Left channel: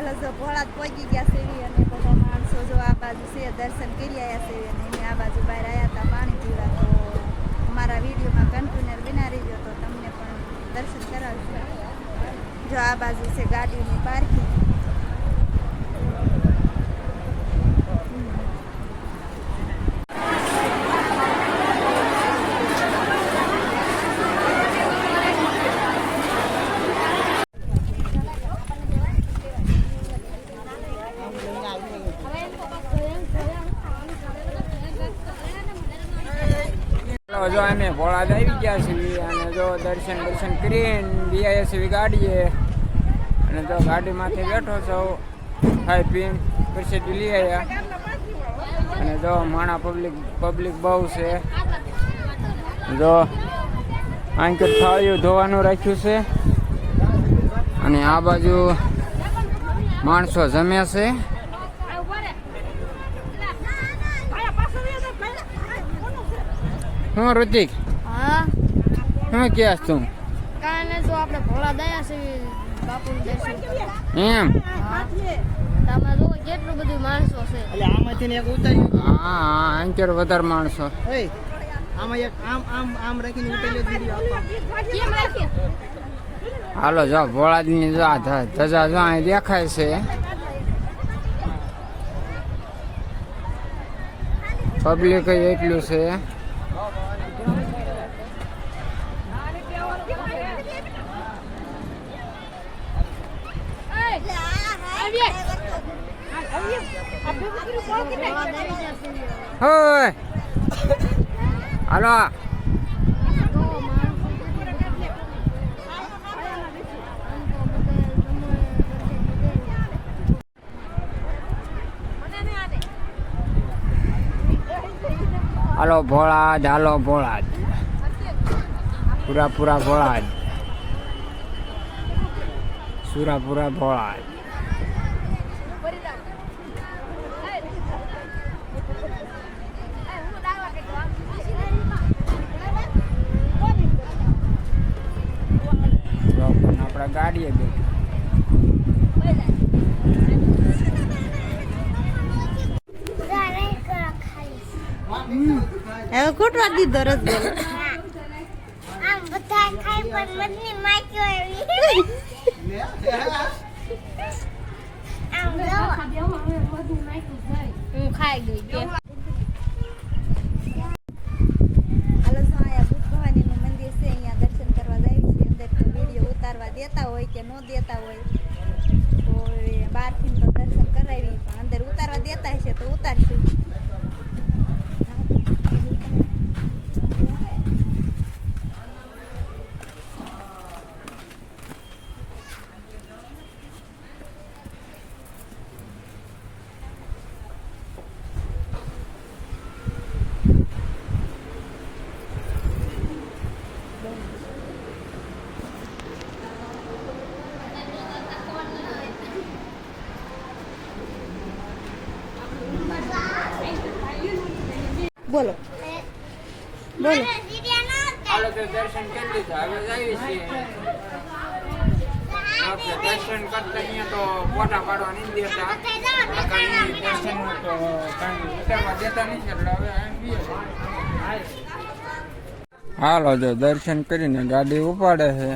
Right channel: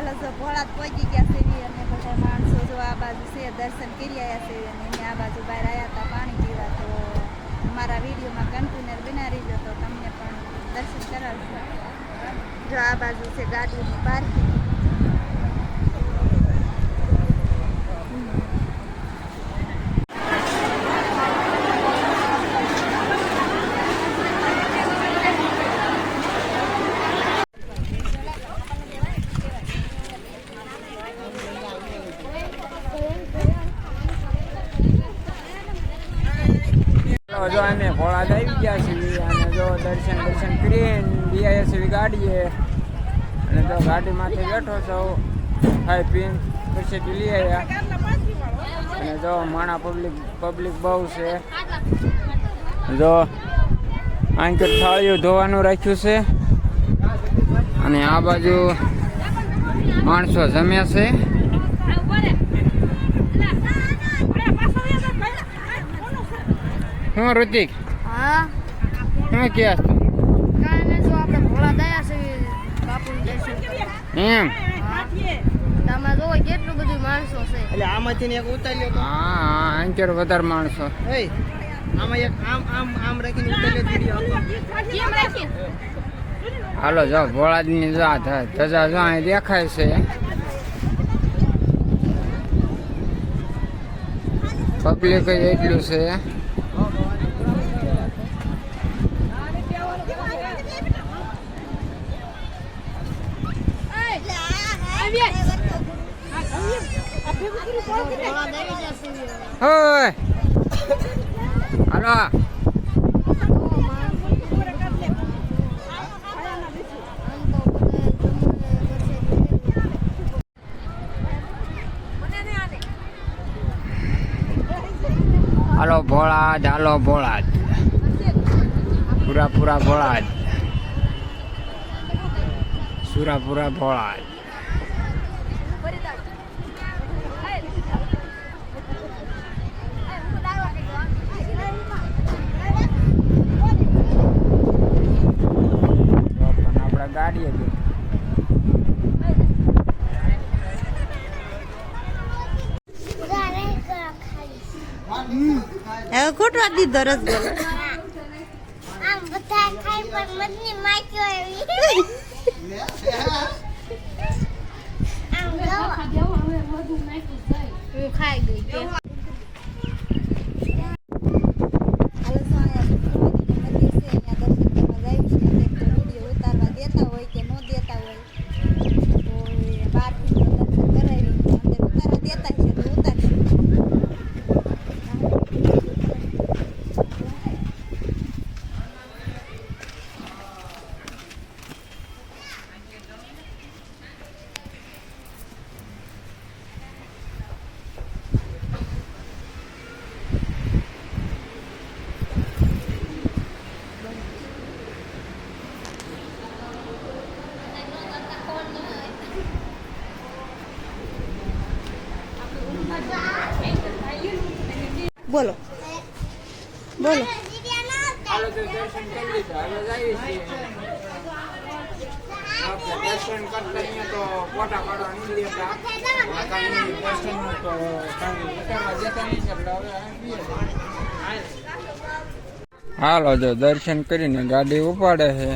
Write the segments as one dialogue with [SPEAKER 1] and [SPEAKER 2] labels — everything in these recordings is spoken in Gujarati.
[SPEAKER 1] હાલો જો ભોળા જ પહોંચી ગયા છે અને બધા માણસો જો આ બાજુ છે, દર્શન કરી આવ્યા છે અને એને આ બાજુ બહાર આવ્યા હતા પાણી પીવા, તો અમારા વિડીયોમાં કન્ટેનર બના રહીજો તો તમને પણ દર્શન કરાવશે. જો આ બાજુ છે ગાડીઓની પાર્કિંગ
[SPEAKER 2] જો અમે ભોળાદ આવી ગયા છીએ અને જો દર્શન દર્શન કરીને બીઆઈએસવી ગાડીએ અને જો ગાડીમાંથી બેઠો છો, ખાઈ પીને પ્રસિદ્ધિ લઈ આવ્યા. અને જો માણા પબ્લિક પબ્લિક બહુ છે. જો આંકર થાળીઓ ધોવાનું રાખ્યું છે. અને આ બાજુ માણસો જમ્યા છે. હું ઋતિક
[SPEAKER 3] હા?
[SPEAKER 2] હા કહેશ તું
[SPEAKER 3] કાંઈ નહીં જો આપણે ભોળા દયા છે બાપુનું દર્શન કરવા.
[SPEAKER 2] એમ?
[SPEAKER 3] હા. તમે જો કેટલું બધું માણસો છે.
[SPEAKER 4] એટલે આમાંથી ને એક ઉતાર્યો
[SPEAKER 2] હા હા અંકેર વધારે માણસો.
[SPEAKER 4] એ આમાં એક આમ આમ આમ રાખીને ઉતાર્યો વીડિયો આપો.
[SPEAKER 3] કેમ રાખી
[SPEAKER 2] હાલો જો ભોળાદની જો આ ધજા જો અહીં દેખાય છે. પબ્લિક એટલું છે. હોય હાલો. હાલો ભોળાદ હાલો ભોળાદ. પૂરા પૂરા ભોળાદ. સુરા પૂરા ભોળાદ તો પણ આપણા ગાડીએ બેઠા.
[SPEAKER 1] હવે ખોટવા દીધો રસ બોલો.
[SPEAKER 5] આમ બધા ખાઈ પણ મધની માખ્યો એવી. આમ જો.
[SPEAKER 3] હું ખાઈ ગઈ કે
[SPEAKER 1] હાલો જો અહીંયા ભૂતભવાનીનું મંદિર છે અહીંયા દર્શન કરવા જાય છે અંદર તો વીડિયો ઉતારવા દેતા હોય કે ન દેતા હોય તો એ બહારથી તો દર્શન કરાવી પણ અંદર ઉતારવા દેતા હશે તો ઉતારશું બોલો. બોલો.
[SPEAKER 2] ફોટા પાડવા નહીં તો એટલે હવે. હાલો, જો દર્શન કરીને ગાડી ઉપાડે છે.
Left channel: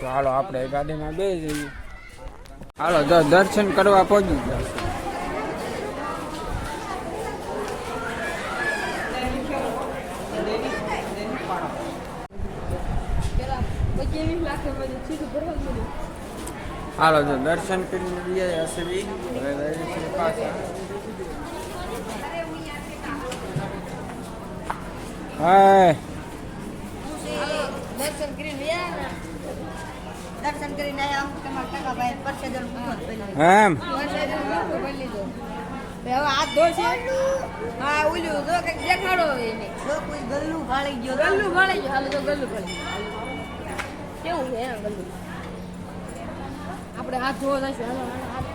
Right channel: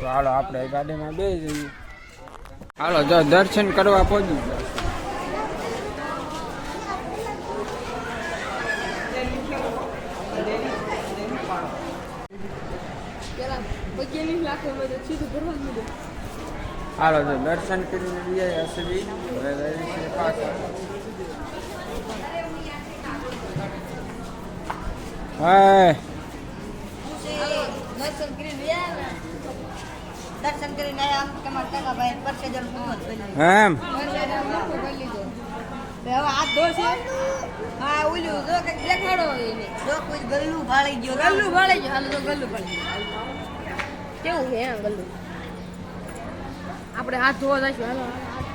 [SPEAKER 2] તો હાલો, આપણે ગાડીમાં બે જઈએ. હાલો, જો દર્શન કરવા પહોંચી ગયા. હાલો, જો દર્શન કરીને બી હશે બી. હવે જઈએ પાછા. હા
[SPEAKER 1] દર્શન કરીને ગયા દર્શન કરીને આમ તમારા ટકા ભાઈ પરસેજન પૂરો કરી લીધો
[SPEAKER 2] એમ.
[SPEAKER 1] પરસેજન હાથ ધોશે હા ઓલું જો કઈ દેખાડો એને જો કોઈ ગલ્લું ભાળી ગયો
[SPEAKER 3] ગલ્લું ભાળી ગયો હાલો તો ગલ્લું ભળે કેવું છે આપણે હાથ ધોવા હાલો હાથ